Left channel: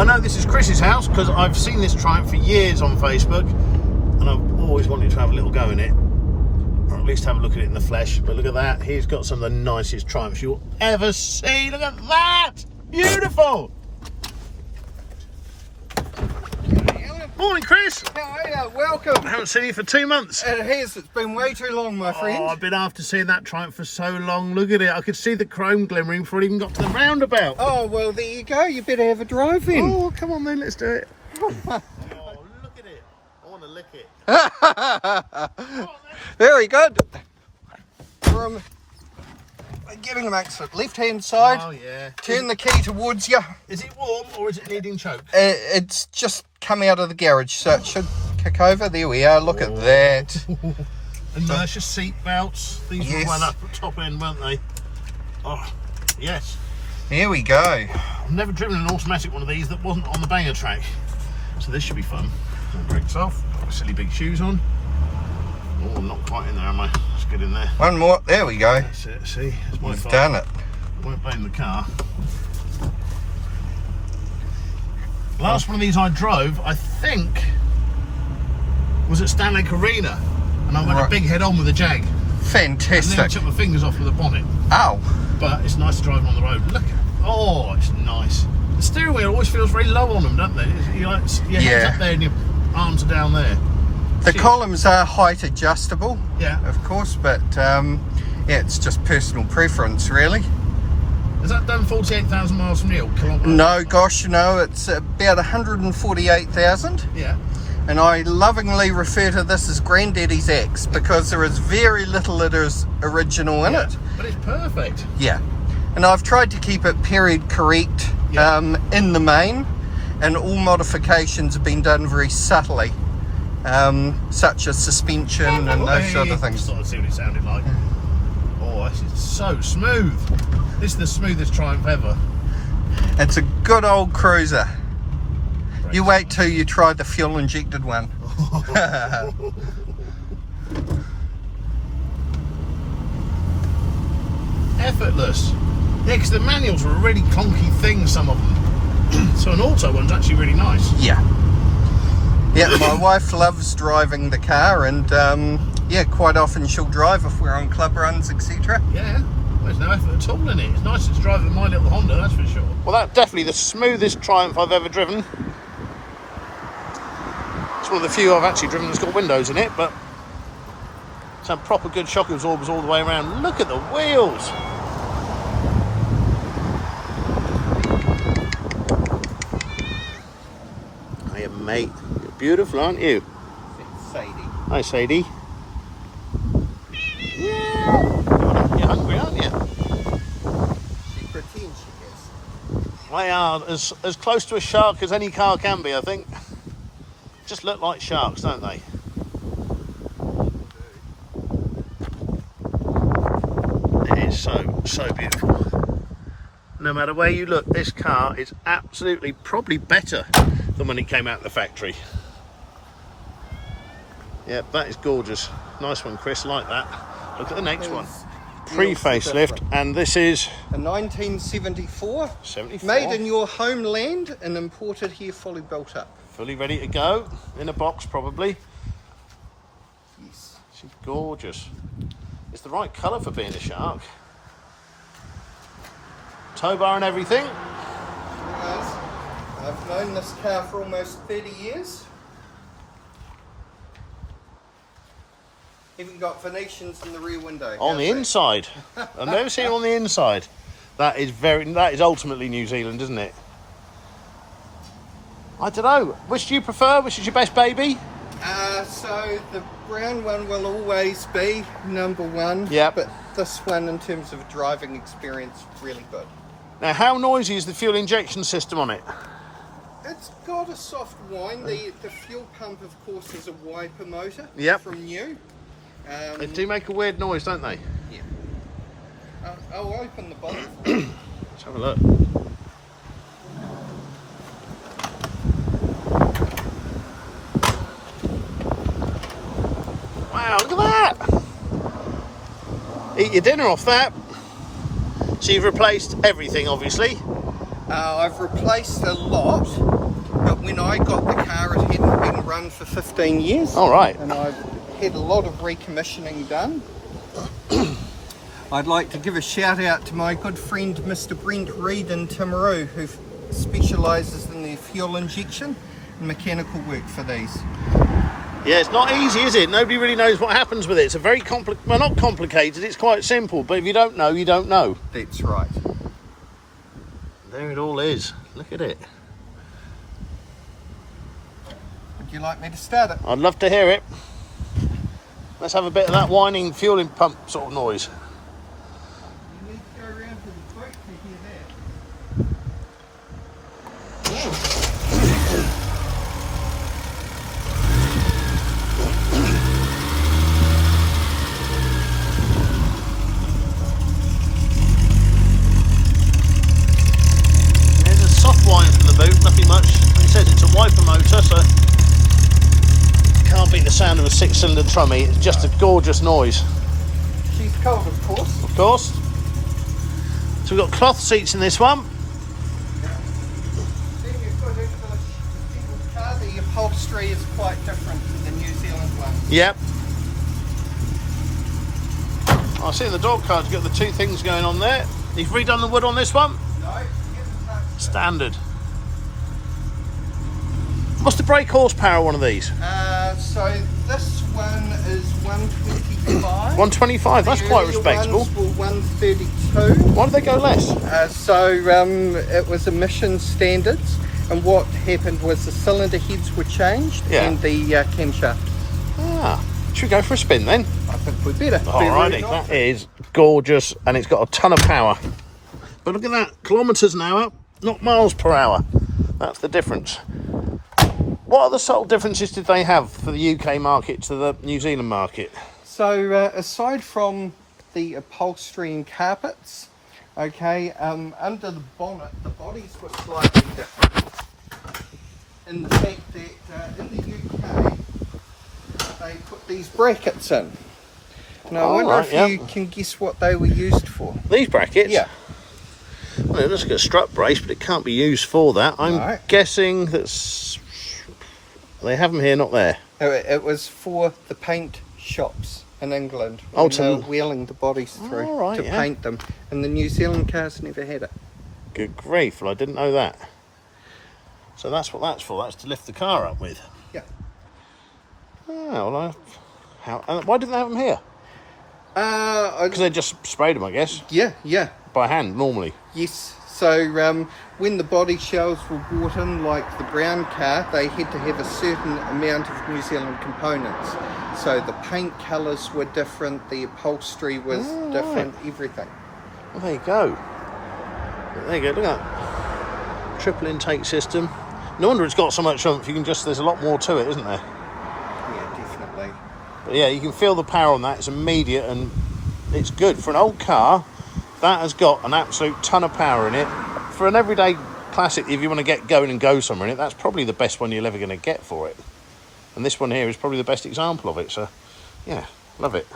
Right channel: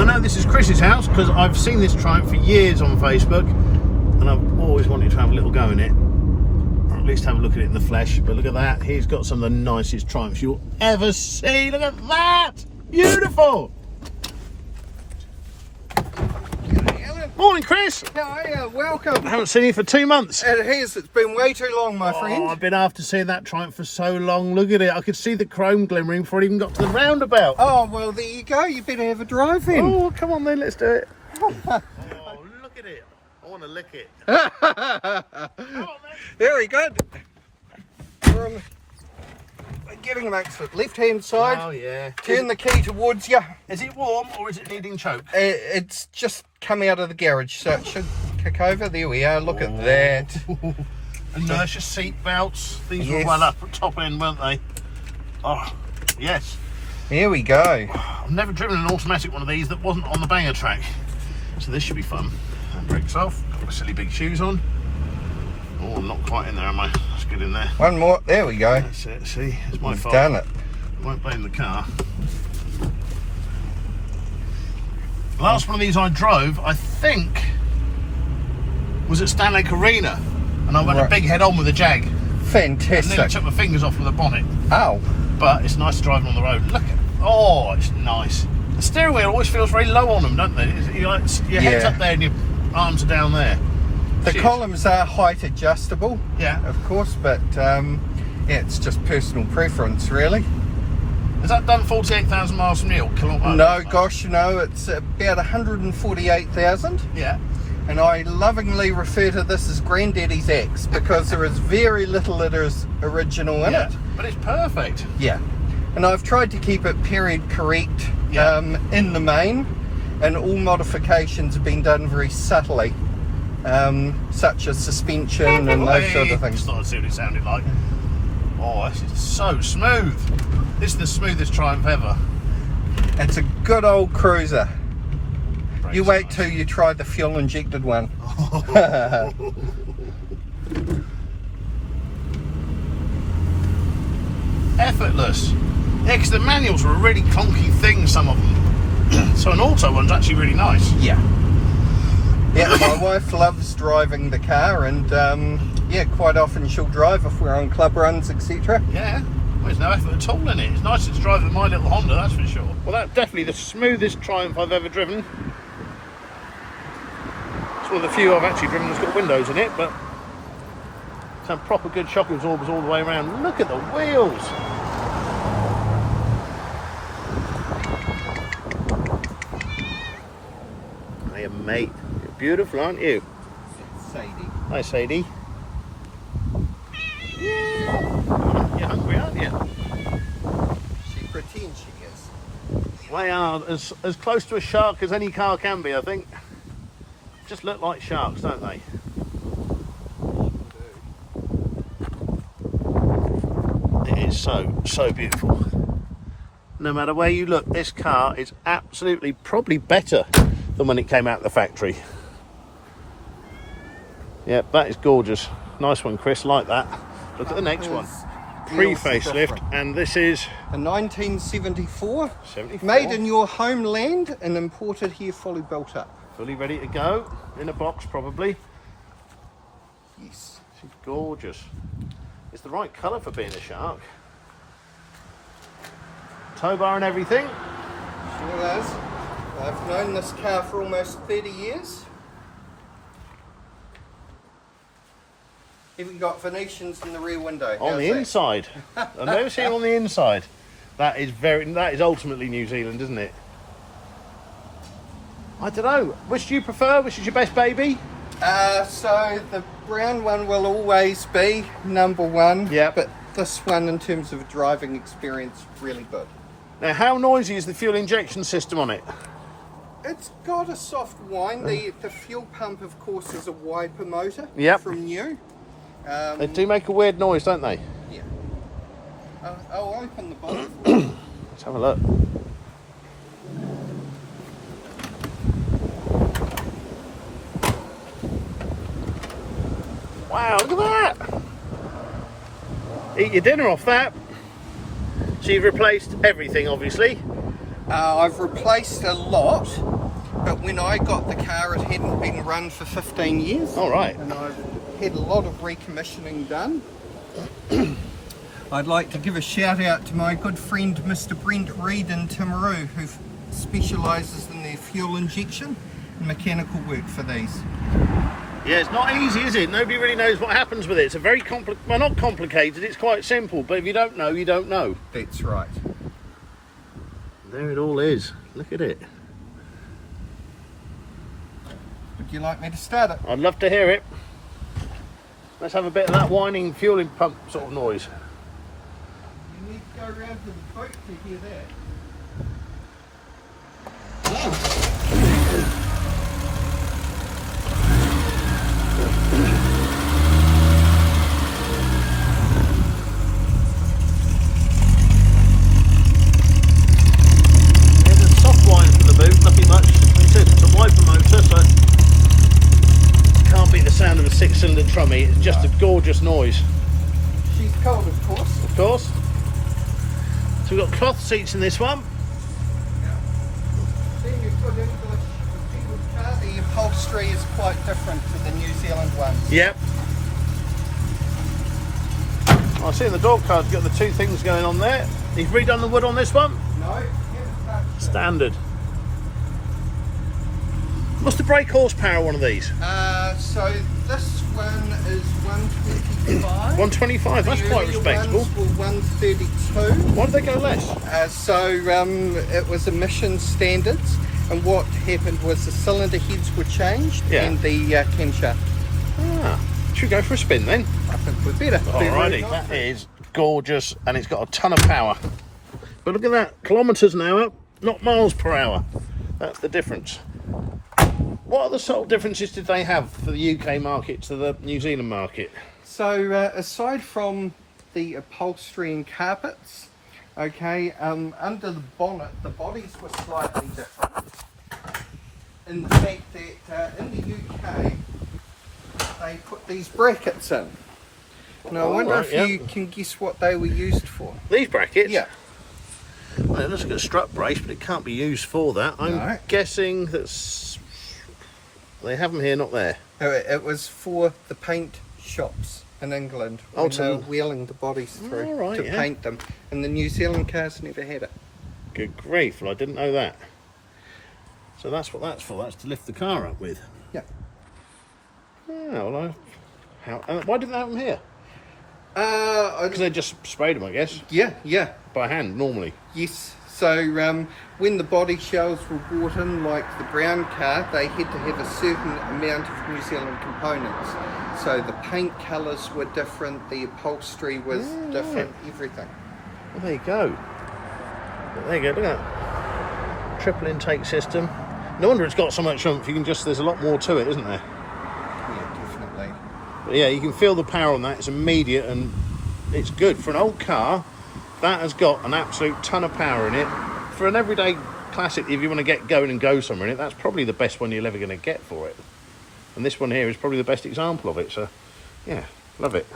I know this is Chris's house because I've seen this Triumph for years on Facebook, and I've always wanted to have a little go in it, or at least have a look at it in the flesh. But look at that, he's got some of the nicest Triumphs you'll ever see. Look at that, beautiful. Morning, Chris. How are you? Welcome. I haven't seen you for 2 months. It has. It's been way too long, my friend. I've been after seeing that Triumph for so long. Look at it. I could see the chrome glimmering before it even got to the roundabout. Oh, well, there you go. You better have a drive in. Oh, come on then, let's do it. Oh, look at it. I want to lick it. Very good. From getting an exit, left-hand side. Oh, yeah. Turn the key towards you. Is it warm or is it needing choke? It's just come out of the garage, so it should kick over. There we are. Look at that. Inertia seat belts. These were well up at top end, weren't they? Oh, yes. Here we go. I've never driven an automatic one of these that wasn't on the banger track. So this should be fun. Brakes off. Got my silly big shoes on. Oh, I'm not quite in there, am I? Let's get in there. One more. There we go. That's it. See, it's my fault. Done it. I won't blame the car. Last one of these I drove, I think, was at Stanley Arena, and I went a big head on with a Jag. Fantastic. I nearly took my fingers off with the bonnet. Oh. But it's nice to drive on the road. Look at, oh, it's nice. The steering wheel always feels very low on them, don't they? Your head's up there and your arms are down there. The columns are height adjustable, yeah, of course, but yeah, it's just personal preference, really. Has that done 48,000 miles from Neil? No, gosh, no, it's about 148,000. Yeah. And I lovingly refer to this as Granddaddy's X because there is very little that is original in it. But it's perfect. Yeah. And I've tried to keep it period correct in the main, and all modifications have been done very subtly. Such as suspension and those sort of things. Just thought I'd see what it sounded like. Oh, this is so smooth. This is the smoothest Triumph ever. It's a good old cruiser. You wait till you try the fuel injected one. Effortless. Yeah, because the manuals are a really clunky thing, some of them. So an auto one's actually really nice. Yeah. Yeah, my wife loves driving the car, and yeah, quite often she'll drive if we're on club runs, etc. Yeah, well, there's no effort at all in it. It's nicer to drive than my little Honda, that's for sure. Well, that's definitely the smoothest Triumph I've ever driven. It's one of the few I've actually driven that's got windows in it, but some proper good shock absorbers all the way around. Look at the wheels. Hiya, mate. You're beautiful, aren't you? Sadie. Hi, Sadie. Yeah. You're hungry, aren't you? She pretends she is. They are as close to a shark as any car can be, I think. Just look like sharks, don't they? It is so beautiful. No matter where you look, this car is absolutely probably better than when it came out of the factory. Yeah, that is gorgeous. Nice one, Chris, like that. Look at the next one. Pre-facelift, and this is a 1974. 74. Made in your homeland and imported here fully built up. Fully ready to go. In a box, probably. Yes. She's gorgeous. It's the right colour for being a shark. Tow bar and everything. Sure is. I've known this car for almost 30 years. Even got Venetians in the rear window. On the inside. I've never seen it on the inside. That is ultimately New Zealand, isn't it? I don't know. Which do you prefer? Which is your best baby? So the brown one will always be number one. Yeah. But this one, in terms of driving experience, really good. Now, how noisy is the fuel injection system on it? It's got a soft whine. The fuel pump, of course, is a wiper motor from new. They do make a weird noise, don't they? Yeah. I'll open the bonnet. Let's have a look. Wow, look at that! Eat your dinner off that. So you've replaced everything, obviously. I've replaced a lot, but when I got the car it hadn't been run for 15 years. All right. And I've had a lot of recommissioning done. I'd like to give a shout out to my good friend Mr. Brent Reed in Timaru, who specialises in their fuel injection and mechanical work for these. Yeah, it's not easy, is it? Nobody really knows what happens with it. It's a very well, not complicated, it's quite simple, but if you don't know, you don't know. That's right. There it all is. Look at it. Would you like me to start it? I'd love to hear it. Let's have a bit of that whining fueling pump sort of noise. You need to go around to the boat to hear that. There's a soft whine for the boot, nothing much. Like it says, it's a wiper motor, so can't beat the sound of a 6-cylinder trummy. It's just a gorgeous noise. She's cold, of course. Of course. So we've got cloth seats in this one. Then you've got English car. The upholstery is quite different to the New Zealand one. Yep. I see in the door card you've got the two things going on there. You've redone the wood on this one? No, Standard. What's the brake horsepower of one of these? so this one is 125. 125, that's quite The earlier respectable. ones were 132. Why did they go less? It was emission standards, and what happened was the cylinder heads were changed and the camshaft. Ah, should we go for a spin then? I think we'd better. Alrighty, that is gorgeous and it's got a ton of power. But look at that, kilometres an hour, not miles per hour. That's the difference. What other subtle differences did they have for the UK market to the New Zealand market? So aside from the upholstery and carpets, okay, under the bonnet the bodies were slightly different in the fact that in the UK they put these brackets in. Now I wonder if you can guess what they were used for. These brackets? Yeah. Well, it looks like a strut brace, but it can't be used for that. I'm guessing that's... They have them here, not there. It was for the paint shops in England when they were wheeling the bodies through to paint them, and the New Zealand cars never had it. Good grief, well I didn't know that. So that's what that's for, that's to lift the car up with. Yeah. Oh, well, why didn't they have them here? Because they just sprayed them, I guess. Yeah. By hand, normally. Yes. So when the body shells were brought in, like the brown car, they had to have a certain amount of New Zealand components. So the paint colours were different, the upholstery was different, everything. Well, there you go. There you go, look at that. Triple intake system. No wonder it's got so much oomph. You can just, there's a lot more to it, isn't there? Yeah, definitely. But yeah, you can feel the power on that. It's immediate and it's good. For an old car, that has got an absolute ton of power in it. For an everyday classic, if you want to get going and go somewhere in it, that's probably the best one you're ever going to get for it. And this one here is probably the best example of it. So, yeah, love it.